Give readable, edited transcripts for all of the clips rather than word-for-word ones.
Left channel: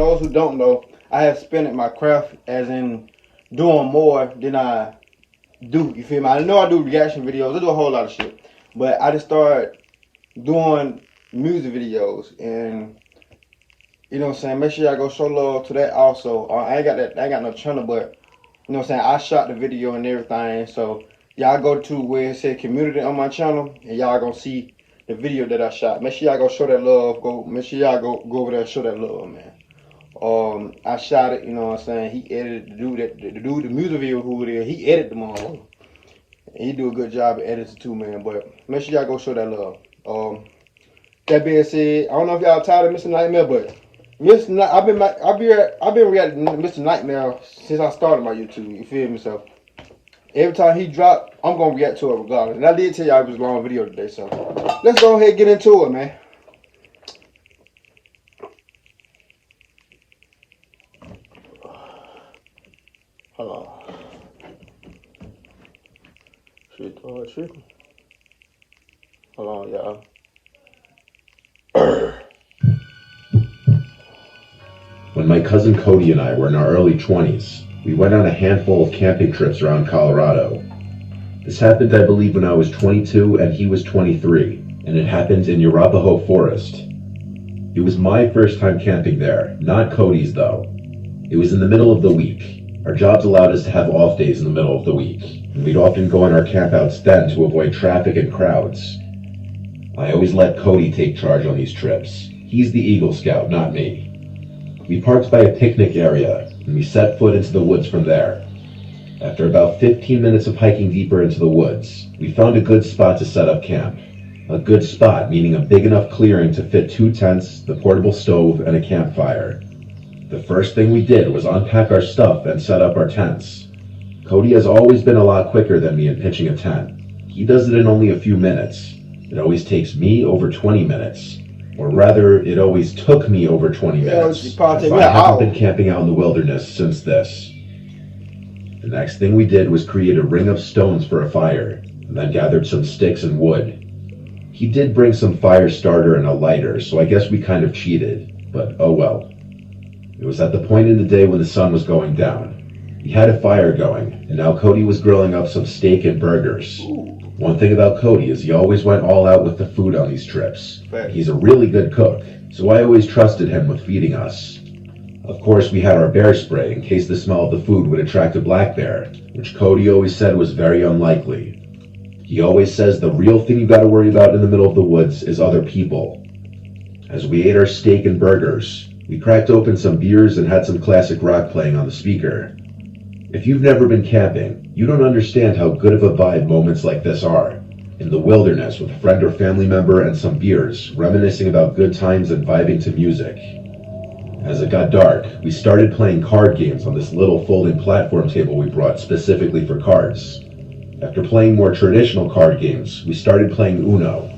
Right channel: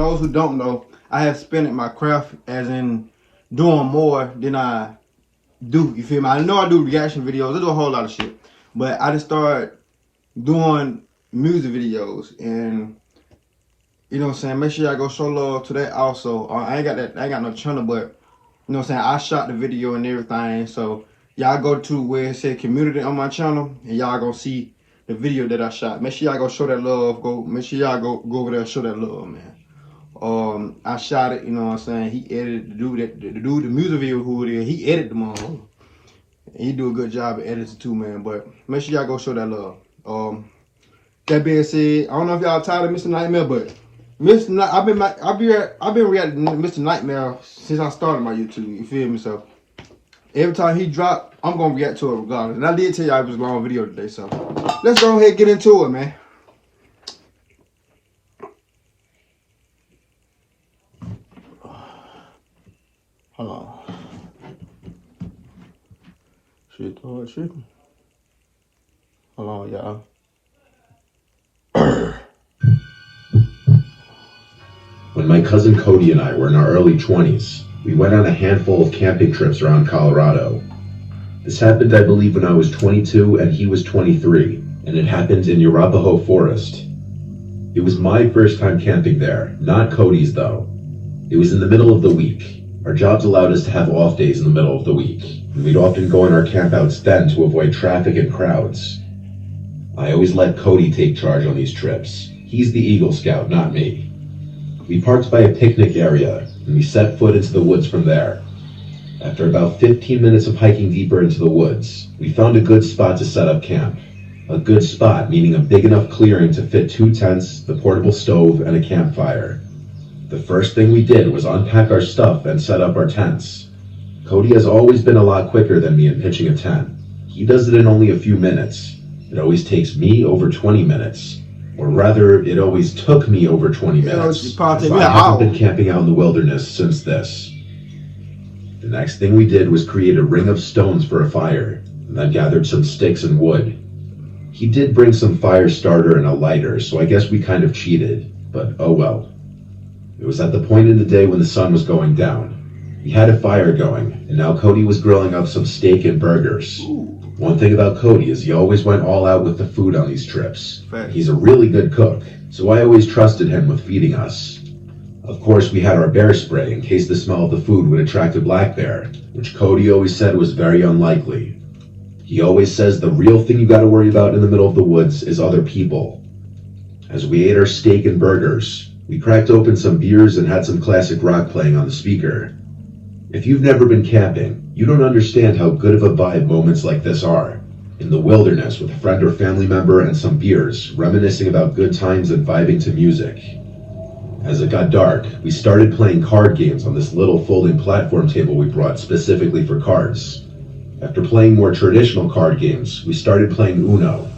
those who don't know, I have spent my craft as in doing more than I do. You feel me? I know I do reaction videos. I do a whole lot of shit, but I just started doing music videos, and you know what I'm saying. Make sure y'all go show love to that also. I ain't got that. I ain't got no channel, but you know what I'm saying. I shot the video and everything, so y'all go to where it says community on my channel, and y'all gonna see the video that I shot. Make sure y'all go show that love. Make sure y'all go over there and show that love, man. I shot it, you know what I'm saying. He edited the music video who it is. He edited them all. He do a good job of editing too, man. But make sure y'all go show that love. That being said, I don't know if y'all tired of Mr. Nightmare, but I've been reacting to Mr. Nightmare since I started my YouTube. You feel me? So every time he drop, I'm gonna react to it regardless. And I did tell y'all it was a long video today, so let's go ahead and get into it, man. Hold on. Shit. Hold on, y'all. When my cousin Cody and I were in our early 20s, we went on a handful of camping trips around Colorado. This happened, I believe, when I was 22 and he was 23, and it happened in Arapahoe Forest. It was my first time camping there, not Cody's though. It was in the middle of the week. Our jobs allowed us to have off days in the middle of the week, and we'd often go on our campouts then to avoid traffic and crowds. I always let Cody take charge on these trips. He's the Eagle Scout, not me. We parked by a picnic area, and we set foot into the woods from there. After about 15 minutes of hiking deeper into the woods, we found a good spot to set up camp. A good spot meaning a big enough clearing to fit 2 tents, the portable stove, and a campfire. The first thing we did was unpack our stuff and set up our tents. Cody has always been a lot quicker than me in pitching a tent. He does it in only a few minutes. It always takes me over 20 minutes. Or rather, it always took me over 20 minutes. I haven't been camping out in the wilderness since this. The next thing we did was create a ring of stones for a fire, and then gathered some sticks and wood. He did bring some fire starter and a lighter, so I guess we kind of cheated, but oh well. It was at the point in the day when the sun was going down. We had a fire going, and now Cody was grilling up some steak and burgers. One thing about Cody is he always went all out with the food on these trips. He's a really good cook, so I always trusted him with feeding us. Of course, we had our bear spray in case the smell of the food would attract a black bear, which Cody always said was very unlikely. He always says the real thing you gotta worry about in the middle of the woods is other people. As we ate our steak and burgers, we cracked open some beers and had some classic rock playing on the speaker. If you've never been camping, you don't understand how good of a vibe moments like this are. In the wilderness with a friend or family member and some beers, reminiscing about good times and vibing to music. As it got dark, we started playing card games on this little folding platform table we brought specifically for cards. After playing more traditional card games, we started playing Uno,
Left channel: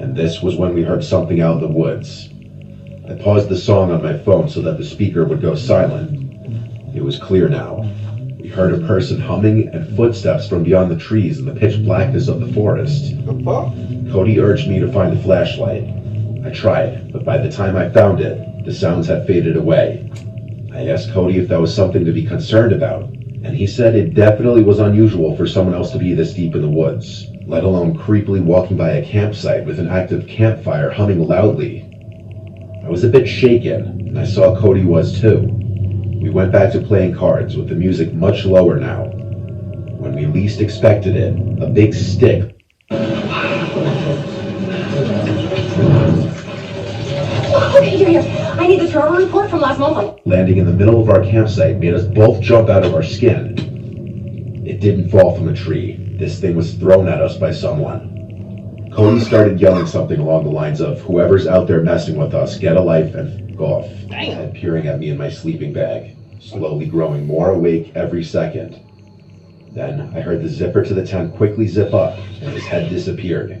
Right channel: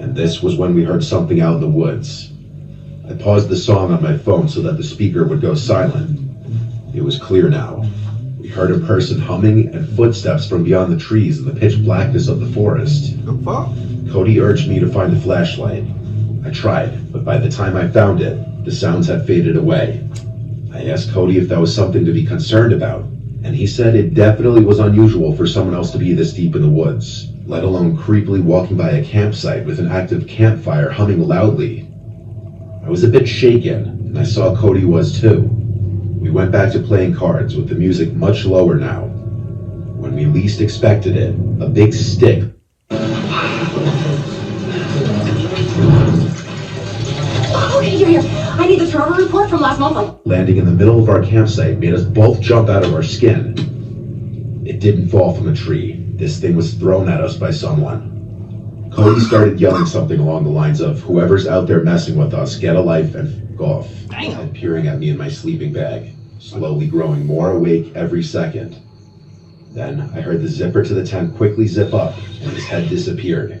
and this was when we heard something out in the woods. I paused the song on my phone so that the speaker would go silent. It was clear now. We heard a person humming and footsteps from beyond the trees in the pitch blackness of the forest. Cody urged me to find a flashlight. I tried, but by the time I found it, the sounds had faded away. I asked Cody if that was something to be concerned about, and he said it definitely was unusual for someone else to be this deep in the woods, let alone creepily walking by a campsite with an active campfire humming loudly. I was a bit shaken, and I saw Cody was too. We went back to playing cards with the music much lower now. When we least expected it, a big stick I need the Trevor report from last month. Landing in the middle of our campsite made us both jump out of our skin. It didn't fall from a tree. This thing was thrown at us by someone. Cody started yelling something along the lines of, "Whoever's out there messing with us, get a life and f*** off." And peering at me in my sleeping bag, slowly growing more awake every second. Then I heard the zipper to the tent quickly zip up, and his head disappeared.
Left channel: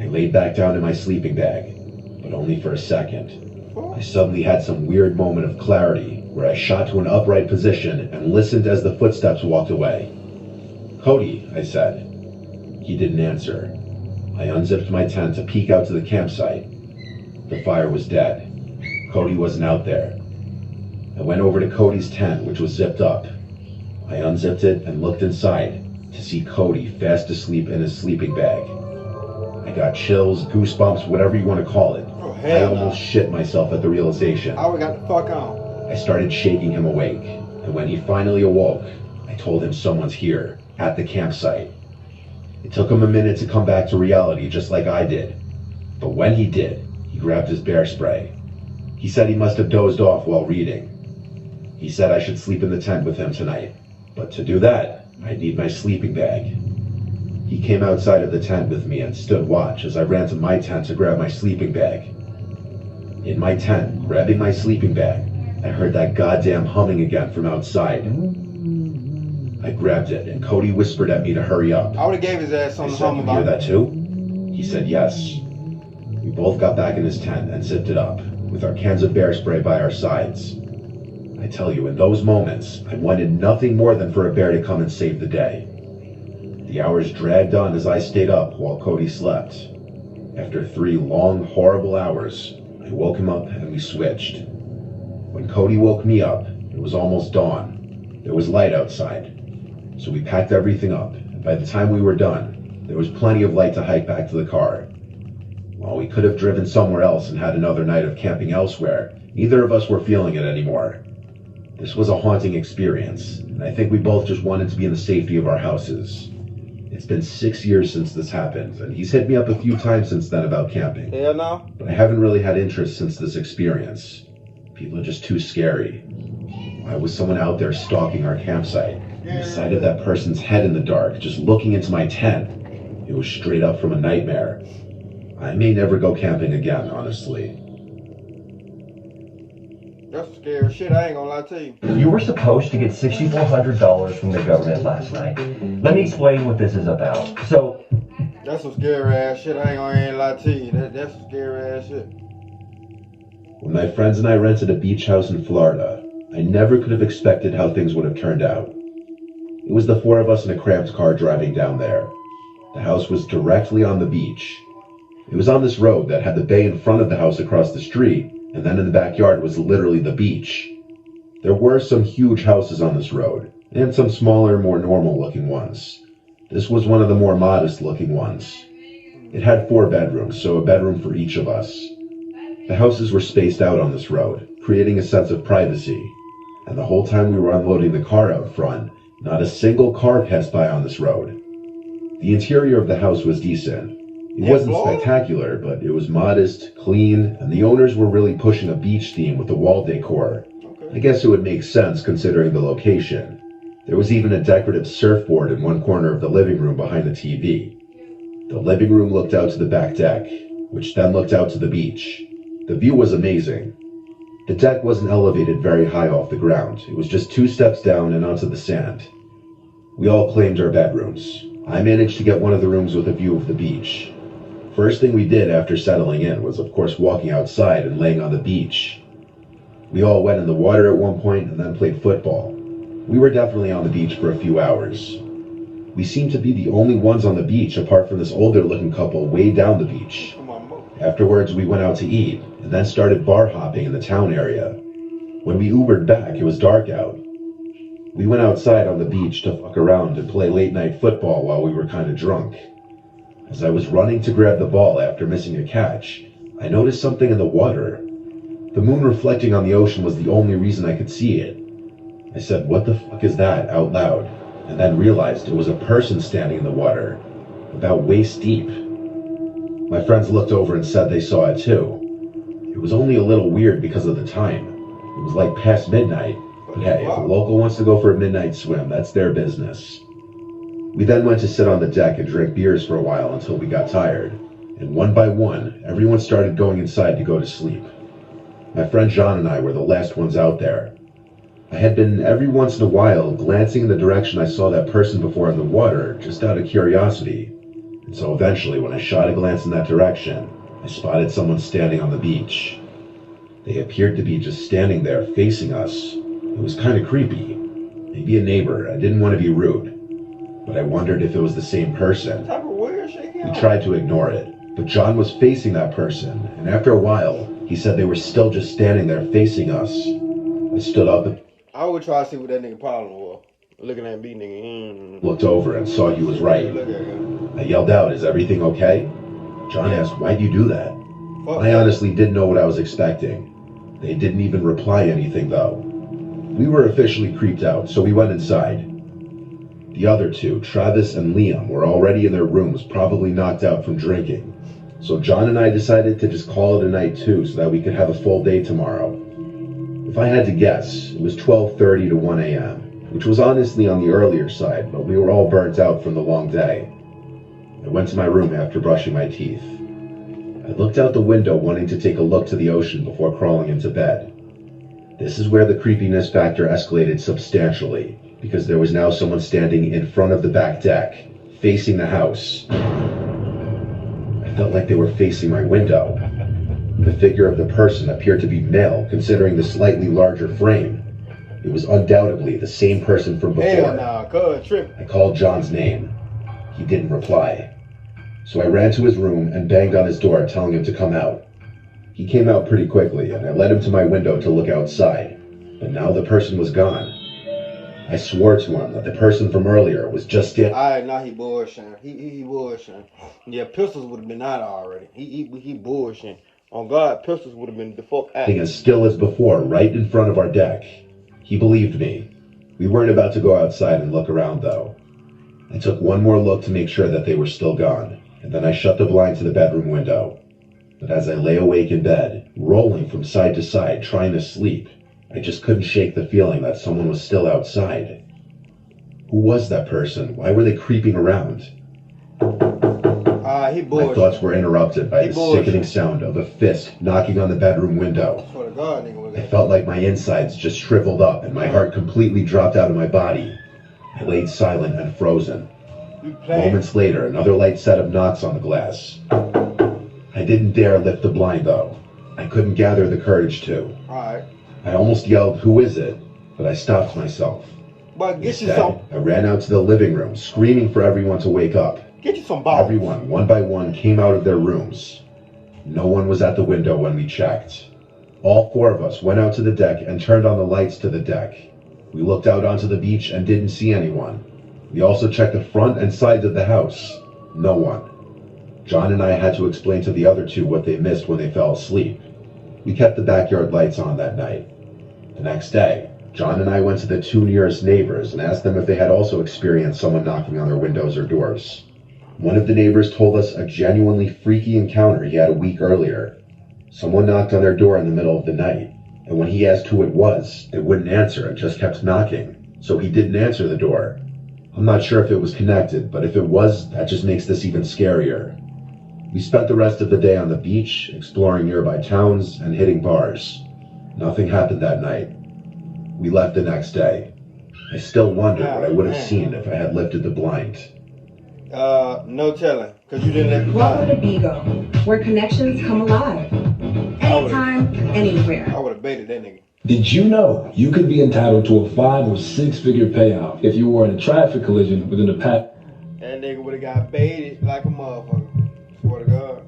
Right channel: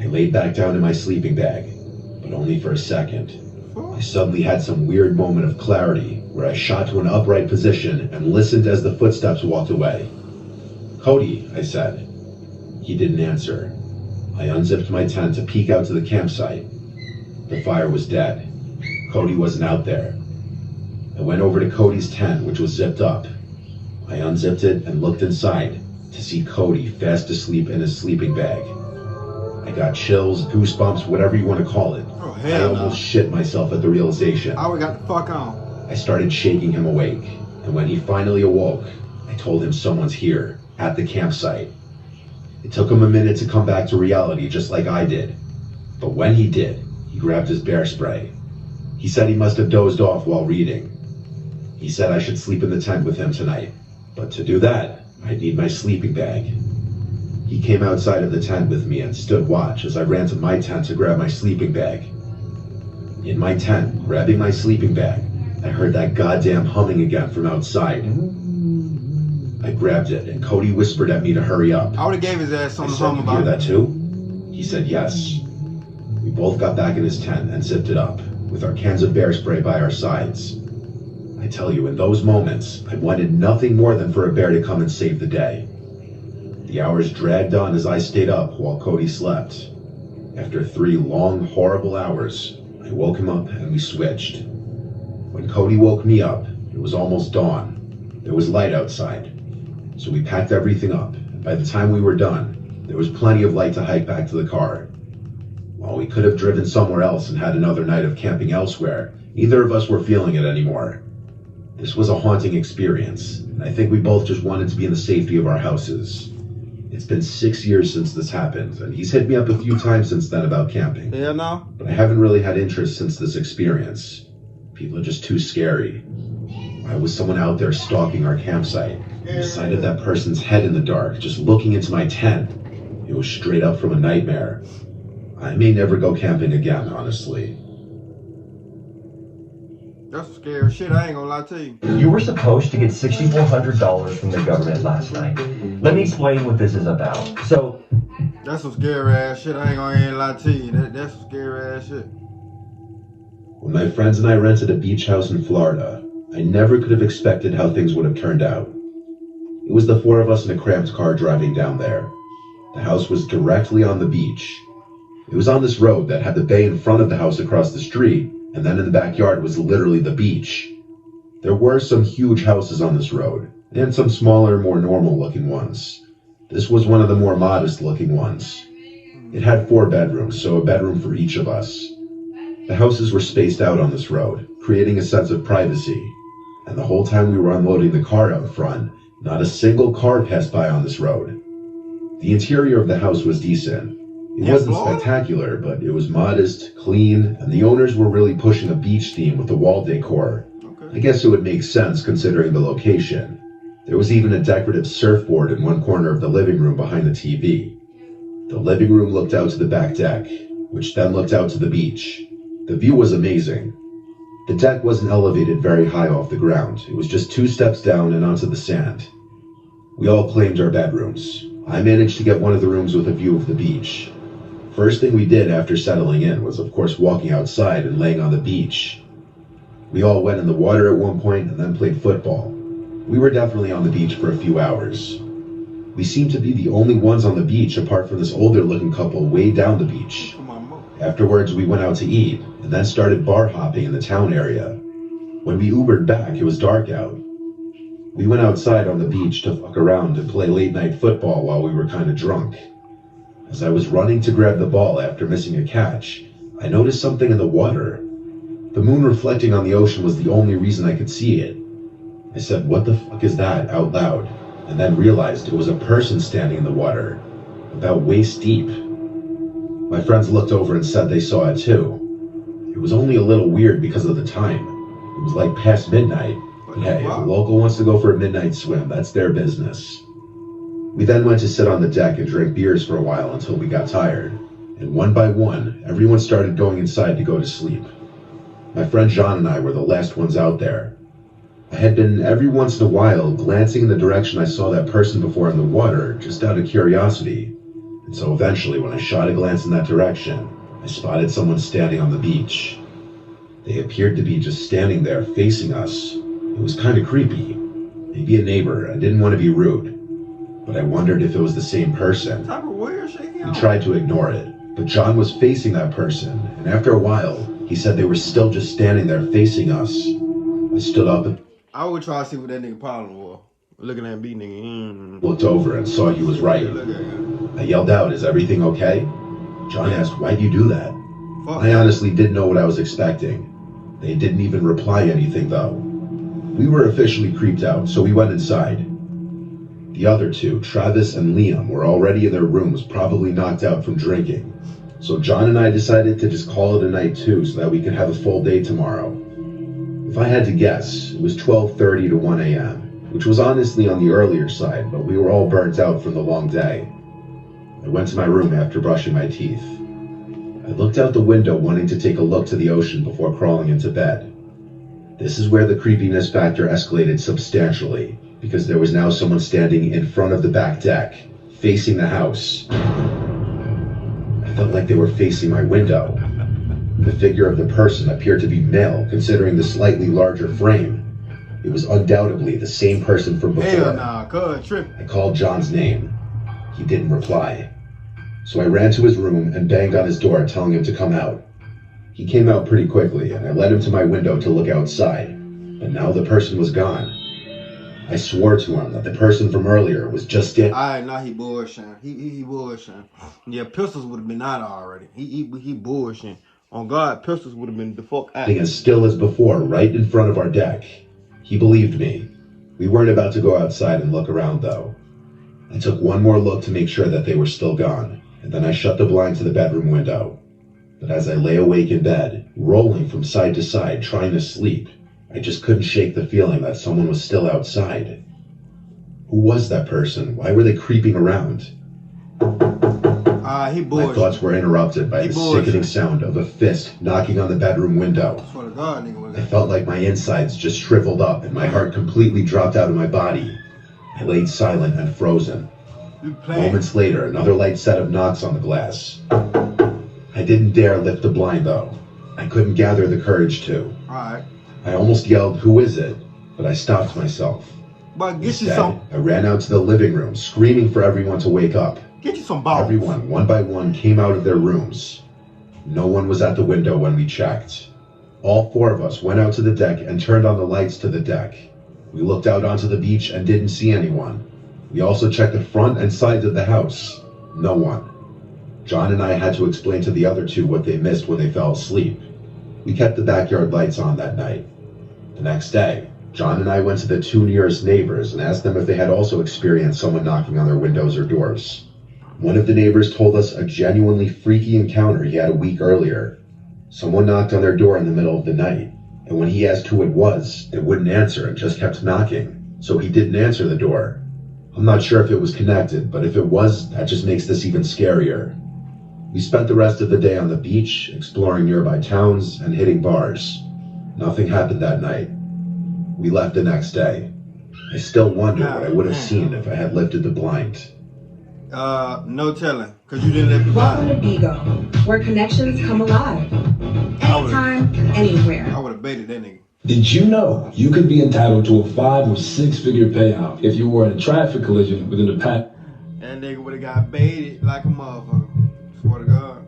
I laid back down in my sleeping bag, but only for a second. I suddenly had some weird moment of clarity, where I shot to an upright position and listened as the footsteps walked away. "Cody," I said. He didn't answer. I unzipped my tent to peek out to the campsite. The fire was dead. Cody wasn't out there. I went over to Cody's tent, which was zipped up. I unzipped it and looked inside to see Cody fast asleep in his sleeping bag. I got chills, goosebumps, whatever you want to call it. Oh, I hell no. almost shit myself at the realization. I would've got the fuck on. I started shaking him awake, and when he finally awoke, I told him someone's here, at the campsite. It took him a minute to come back to reality, just like I did. But when he did, he grabbed his bear spray. He said he must have dozed off while reading. He said I should sleep in the tent with him tonight, but to do that, I'd need my sleeping bag. He came outside of the tent with me and stood watch as I ran to my tent to grab my sleeping bag. In my tent, grabbing my sleeping bag, I heard that goddamn humming again from outside. I grabbed it, and Cody whispered at me to hurry up. I would've gave his ass I something said, home "You about hear it. that too?" He said yes. We both got back in his tent and zipped it up, with our cans of bear spray by our sides. I tell you, in those moments, I wanted nothing more than for a bear to come and save the day. The hours dragged on as I stayed up while Cody slept. After 3 long, horrible hours, I woke him up and we switched. When Cody woke me up, it was almost dawn. There was light outside. So we packed everything up, and by the time we were done, there was plenty of light to hike back to the car. While we could have driven somewhere else and had another night of camping elsewhere, neither of us were feeling it anymore. This was a haunting experience, and I think we both just wanted to be in the safety of our houses. It's been 6 years since this happened, and he's hit me up a few times since then about camping. Hell no. But I haven't really had interest since this experience. People are just too scary. Why was someone out there stalking our campsite? The sight of that person's head in the dark, just looking into my tent. It was straight up from a nightmare. I may never go camping again, honestly. That's some scary shit, I ain't gonna lie to you. You were supposed to get $6,400 from the government last night. Let me explain what this is about. So, That's some scary ass shit, I ain't gonna lie to you. That's some scary ass shit. When my friends and I rented a beach house in Florida, I never could have expected how things would have turned out. It was the 4 of us in a cramped car driving down there. The house was directly on the beach. It was on this road that had the bay in front of the house across the street, and then in the backyard was literally the beach. There were some huge houses on this road, and some smaller, more normal-looking ones. This was one of the more modest-looking ones. It had 4 bedrooms, so a bedroom for each of us. The houses were spaced out on this road, creating a sense of privacy. And the whole time we were unloading the car out front, not a single car passed by on this road. The interior of the house was decent. It wasn't spectacular, but it was modest, clean, and the owners were really pushing a beach theme with the wall decor. Okay. I guess it would make sense considering the location. There was even a decorative surfboard in one corner of the living room behind the TV. The living room looked out to the back deck, which then looked out to the beach. The view was amazing. The deck wasn't elevated very high off the ground. It was just 2 steps down and onto the sand. We all claimed our bedrooms. I managed to get one of the rooms with a view of the beach. First thing we did after settling in was, of course, walking outside and laying on the beach. We all went in the water at one point and then played football. We were definitely on the beach for a few hours. We seemed to be the only ones on the beach apart from this older-looking couple way down the beach. Afterwards, we went out to eat and then started bar hopping in the town area. When we Ubered back, it was dark out. We went outside on the beach to fuck around and play late-night football while we were kind of drunk. As I was running to grab the ball after missing a catch, I noticed something in the water. The moon reflecting on the ocean was the only reason I could see it. I said, "What the fuck is that?" out loud, and then realized it was a person standing in the water, about waist deep. My friends looked over and said they saw it too. It was only a little weird because of the time. It was like past midnight. But hey, if a local wants to go for a midnight swim, that's their business. We then went to sit on the deck and drink beers for a while until we got tired. And one by one, everyone started going inside to go to sleep. My friend John and I were the last ones out there. I had been every once in a while glancing in the direction I saw that person before in the water, just out of curiosity. And so eventually, when I shot a glance in that direction, I spotted someone standing on the beach. They appeared to be just standing there facing us. It was kind of creepy. Maybe a neighbor. I didn't want to be rude. But I wondered if it was the same person. We tried to ignore it, but John was facing that person, and after a while, he said they were still just standing there facing us. I stood up and I would try to see what that nigga problem was. Looking at me, nigga. looked over and saw he was right. I yelled out, "Is everything okay?" John asked, "Why'd you do that?" I honestly didn't know what I was expecting. They didn't even reply anything, though. We were officially creeped out, so we went inside. The other two, Travis and Liam, were already in their rooms, probably knocked out from drinking. So John and I decided to just call it a night too, so that we could have a full day tomorrow. If I had to guess, it was 12:30 to 1 a.m., which was honestly on the earlier side, but we were all burnt out from the long day. I went to my room after brushing my teeth. I looked out the window wanting to take a look to the ocean before crawling into bed. This is where the creepiness factor escalated substantially, because there was now someone standing in front of the back deck, facing the house. I felt like they were facing my window. The figure of the person appeared to be male, considering the slightly larger frame. It was undoubtedly the same person from before. Hell nah, cuz tripping. I called John's name. He didn't reply. So I ran to his room and banged on his door, telling him to come out. He came out pretty quickly, and I led him to my window to look outside. But now the person was gone. I swore to him that the person from earlier was just getting... Alright, now he bullshitting. He bullshitting. Yeah, pistols would have been out already. He bullshitting. On God, pistols would have been the fuck out. As still as before, right in front of our deck. He believed me. We weren't about to go outside and look around, though. I took one more look to make sure that they were still gone, and then I shut the blind to the bedroom window. But as I lay awake in bed, rolling from side to side, trying to sleep, I just couldn't shake the feeling that someone was still outside. Who was that person? Why were they creeping around? He My bullshit. thoughts were interrupted by the sickening sound of a fist knocking on the bedroom window. I swear to God, nigga. I felt like my insides just shriveled up and my heart completely dropped out of my body. I laid silent and frozen. Moments later, another light set of knocks on the glass. I didn't dare lift the blind, though. I couldn't gather the courage to. Alright. I almost yelled, "Who is it?" But I stopped myself. But get you Instead, some. I ran out to the living room, screaming for everyone to wake up. Get you some balls. Everyone, one by one, came out of their rooms. No one was at the window when we checked. All four of us went out to the deck and turned on the lights to the deck. We looked out onto the beach and didn't see anyone. We also checked the front and sides of the house. No one. John and I had to explain to the other two what they missed when they fell asleep. We kept the backyard lights on that night. The next day, John and I went to the two nearest neighbors and asked them if they had also experienced someone knocking on their windows or doors. One of the neighbors told us a genuinely freaky encounter he had a week earlier. Someone knocked on their door in the middle of the night, and when he asked who it was, they wouldn't answer and just kept knocking, so he didn't answer the door. I'm not sure if it was connected, but if it was, that just makes this even scarier. We spent the rest of the day on the beach, exploring nearby towns and hitting bars. Nothing happened that night. We left the next day. I still wonder what I would have seen if I had lifted the blind. No telling, because you didn't let the Welcome to blind. Bigo, where connections come alive. Anytime, anywhere. I would have baited that nigga. Did you know you could be entitled to a 5 or 6 figure payout if you were in a traffic collision within the past? That nigga would have got baited like a motherfucker. Swear to God.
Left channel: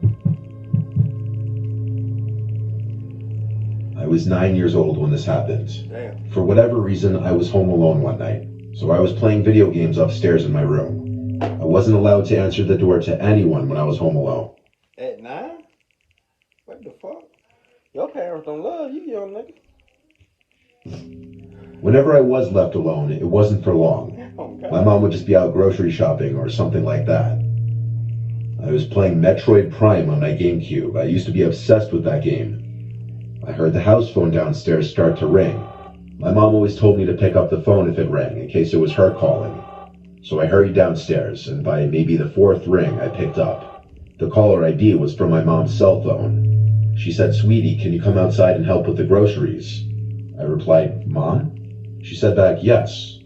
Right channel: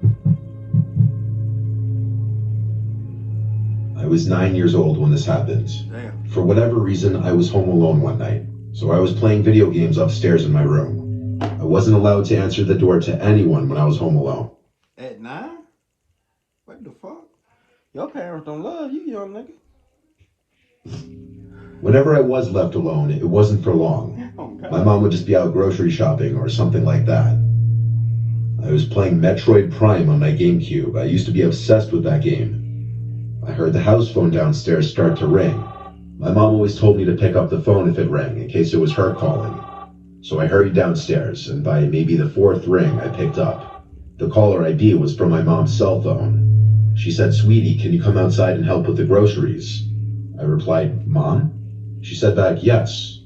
I was 9 years old when this happened. Damn. For whatever reason, I was home alone one night, so I was playing video games upstairs in my room. I wasn't allowed to answer the door to anyone when I was home alone. At 9? What the fuck? Your parents don't love you, young nigga. Whenever I was left alone, it wasn't for long. Oh, God. My mom would just be out grocery shopping or something like that. I was playing Metroid Prime on my GameCube. I used to be obsessed with that game. I heard the house phone downstairs start to ring. My mom always told me to pick up the phone if it rang, in case it was her calling. So I hurried downstairs, and by maybe the 4th ring, I picked up. The caller ID was from my mom's cell phone. She said, "Sweetie, can you come outside and help with the groceries?" I replied, "Mom?" She said back, "Yes."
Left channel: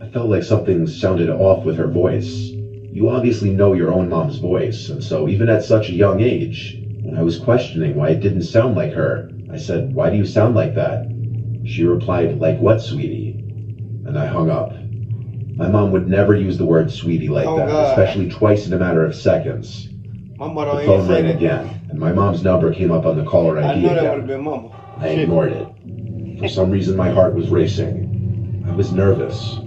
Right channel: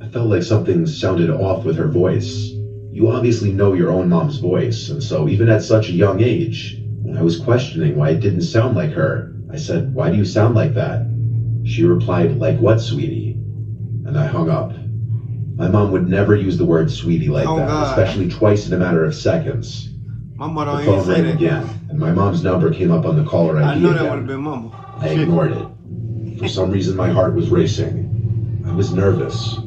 I felt like something sounded off with her voice. You obviously know your own mom's voice, and so even at such a young age, when I was questioning why it didn't sound like her, I said, "Why do you sound like that?" She replied, "Like what, sweetie?" And I hung up. My mom would never use the word sweetie like Oh, that, God. especially twice in a matter of seconds. My mother The don't phone even say rang that. again, and my mom's number came up on the caller ID I know that would again. have been mama. I Shit. ignored it. For some reason, my heart was racing. I was nervous.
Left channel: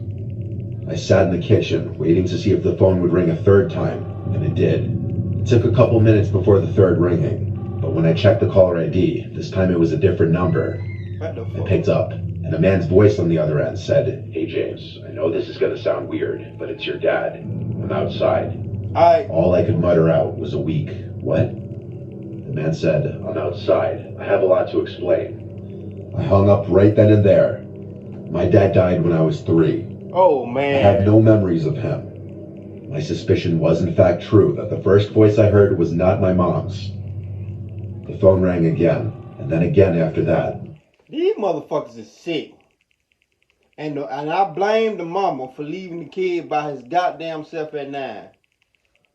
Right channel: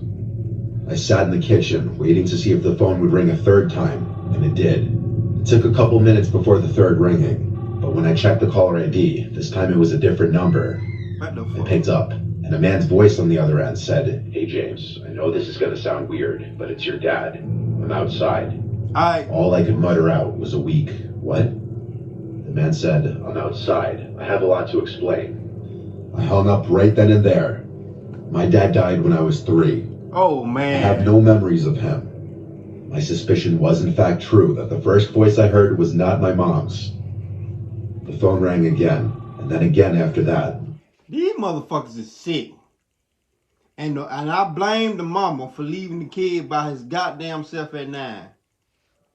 I sat in the kitchen, waiting to see if the phone would ring a third time, and it did. It took a couple minutes before the third ringing, but when I checked the caller ID, this time it was a different number. I picked up, and a man's voice on the other end said, "Hey James, I know this is gonna sound weird, but it's your dad. I'm outside." All I could mutter out was a weak, "What?" The man said, "I'm outside. I have a lot to explain." I hung up right then and there. My dad died when I was 3. Oh, man. I have no memories of him. My suspicion was in fact true, that the first voice I heard was not my mom's. The phone rang again, and then again after that. These motherfuckers is sick. And I blame the mama for leaving the kid by his goddamn self at 9.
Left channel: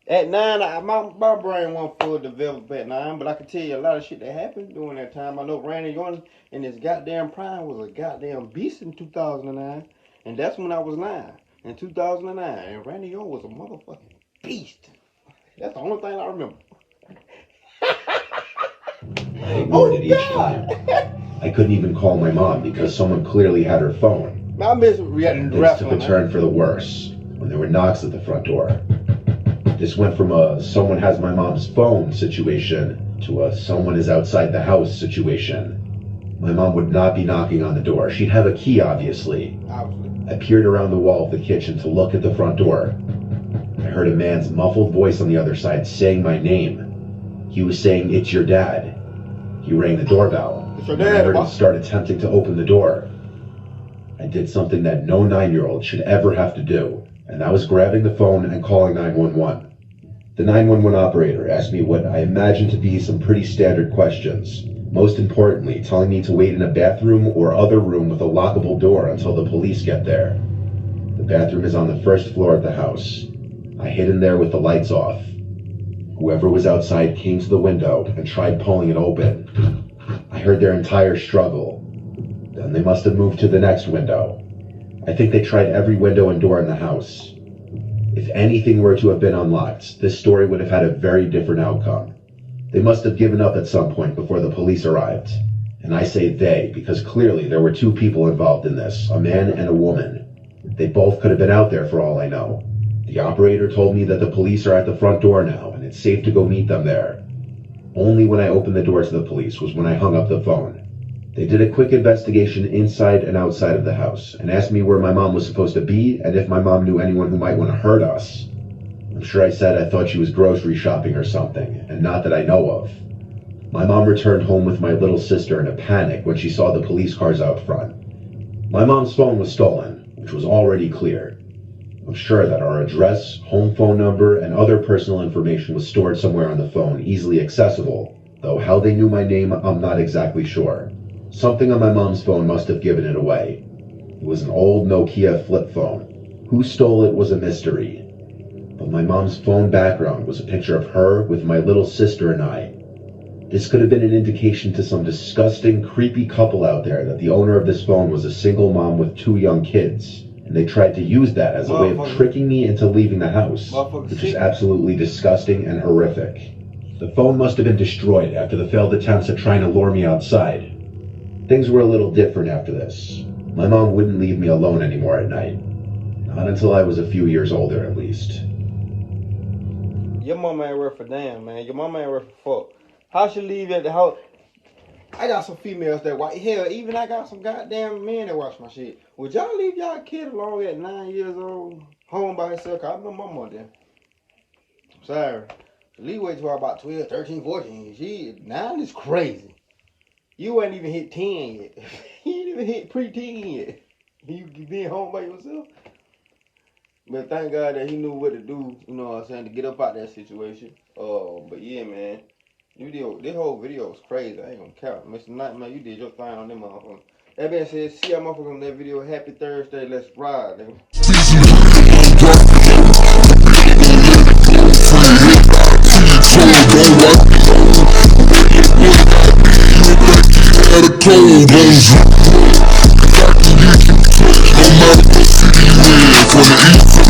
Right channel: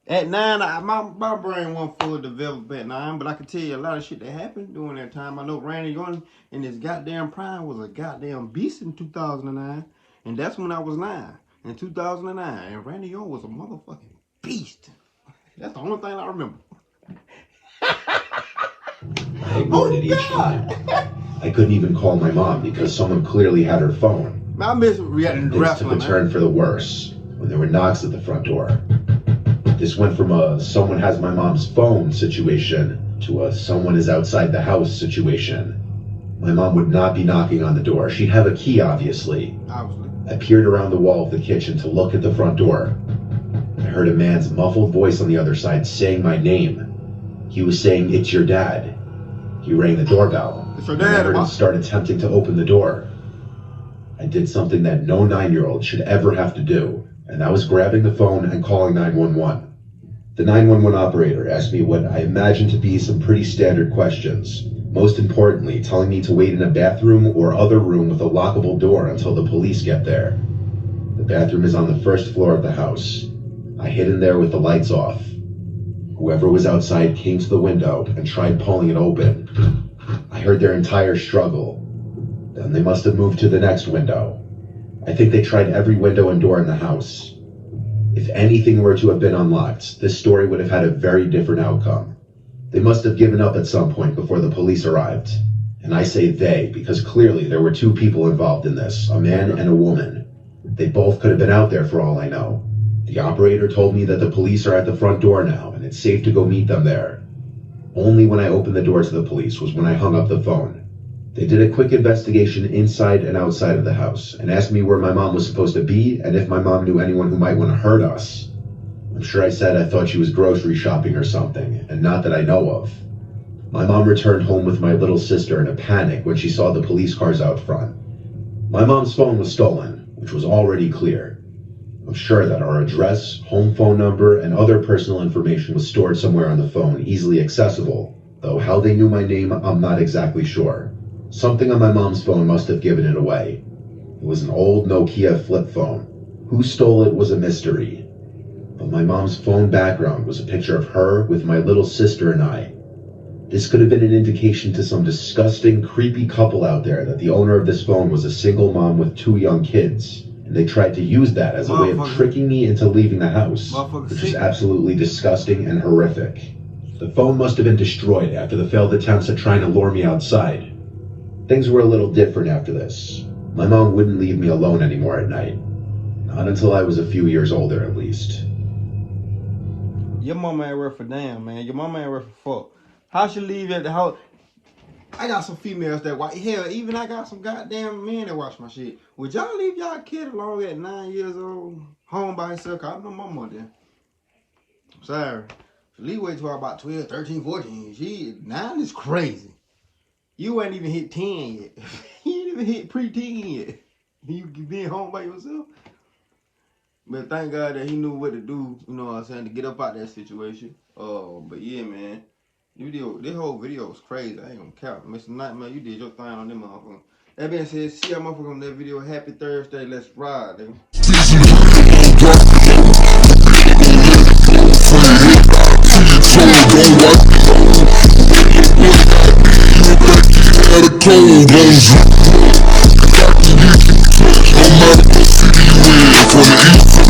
At 9, my brain wasn't fully developed at 9, but I can tell you a lot of shit that happened during that time. I know Randy Orton in his goddamn prime was a goddamn beast in 2009, and that's when I was 9, in 2009, and Randy Orton was a motherfucking beast. That's the only thing I remember. I ignored it each time. I couldn't even call my mom because someone clearly had her phone. I miss reacting to Things wrestling. took a turn for the worse when there were knocks at the front door. This went from a "someone has my mom's phone" situation to a "someone is outside the house" situation. My mom would not be knocking on the door. She'd have a key, obviously. I peered around the wall of the kitchen to look at the front door. I heard a man's muffled voice on the other side saying my name. He was saying, "It's your dad." He rang the doorbell. And I heard him start attempting to open the door. I did something that no 9-year-old should ever have to do, and that was grabbing the phone and calling 911. The 911 operator asked me what I imagined to be some pretty standard questions. Most importantly, telling me to wait in a bathroom or other room with a lockable door until the police get there. The bathroom is on the first floor of the house. I hid in there with the lights off. Whoever was outside came to the window and tried pulling it open. I heard their entire struggle. Then they must have moved to the next window. I think they tried every window and door in the house. If anything were to have been unlocked, this story would have had a very different outcome. They must have given up at some point before the police arrived. And I say they, because clearly there were 2 people involved in this, a man and a woman. They both could have been out there for all I know. The operator told me that the police are at the front door now, and it's safe to go meet them there. Only when I opened the door to the police was when I hung up the phone. They did a quick investigation inside and outside of the house, and asked me where my mom was supposed to be, and if my mom knew anyone who might want to hurt us. I'm sure I said I thought she was grocery shopping or something, and not that I know of. My mom returned home with my little sister in a panic when she saw the police cars out front. My mom's phone was stolen, which was already clear. I'm sure that our address, home phone number, and other personal information was stored somewhere on the phone, easily accessible, though how they knew my name, I'm not exactly sure. Something on my mom's phone must have given it away. It was an old Nokia flip phone. Who stole it was a mystery. But my mom's phone background was a picture of her with my little sister and I. This could have been an indication to some disgusting, creepy couple out there that the owner of this phone was a single mom with 2 young kids, and they tried to use that as a way of tricking me into leaving the house, which is absolutely disgusting and horrific. The phone must have been destroyed after the failed attempts at trying to lure me outside. Things were a little different after this. My mom wouldn't leave me alone anymore at night. Not until I was a few years older, at least. Your mama ain't worth a damn, man. Your mama ain't worth a fuck. How she leave at the house? I got some females that watch. Hell, even I got some goddamn men that watch my shit. Would y'all leave y'all kid alone at 9 years old, home by himself? Cause I know my mama then. I'm sorry. Lee wait till about 12, 13, 14. 9 is crazy. You ain't even hit 10 yet. You ain't even hit pre-teen yet. You being home by yourself. But thank God that he knew what to do, you know what I'm saying, to get up out that situation. But yeah, man. This whole video was crazy. I ain't gonna count. Mr. Nightmare, you did your thing on them motherfuckers. That being said, see y'all motherfuckers on that video. Happy Thursday. Let's ride, nigga. No matter what city you in, from the east to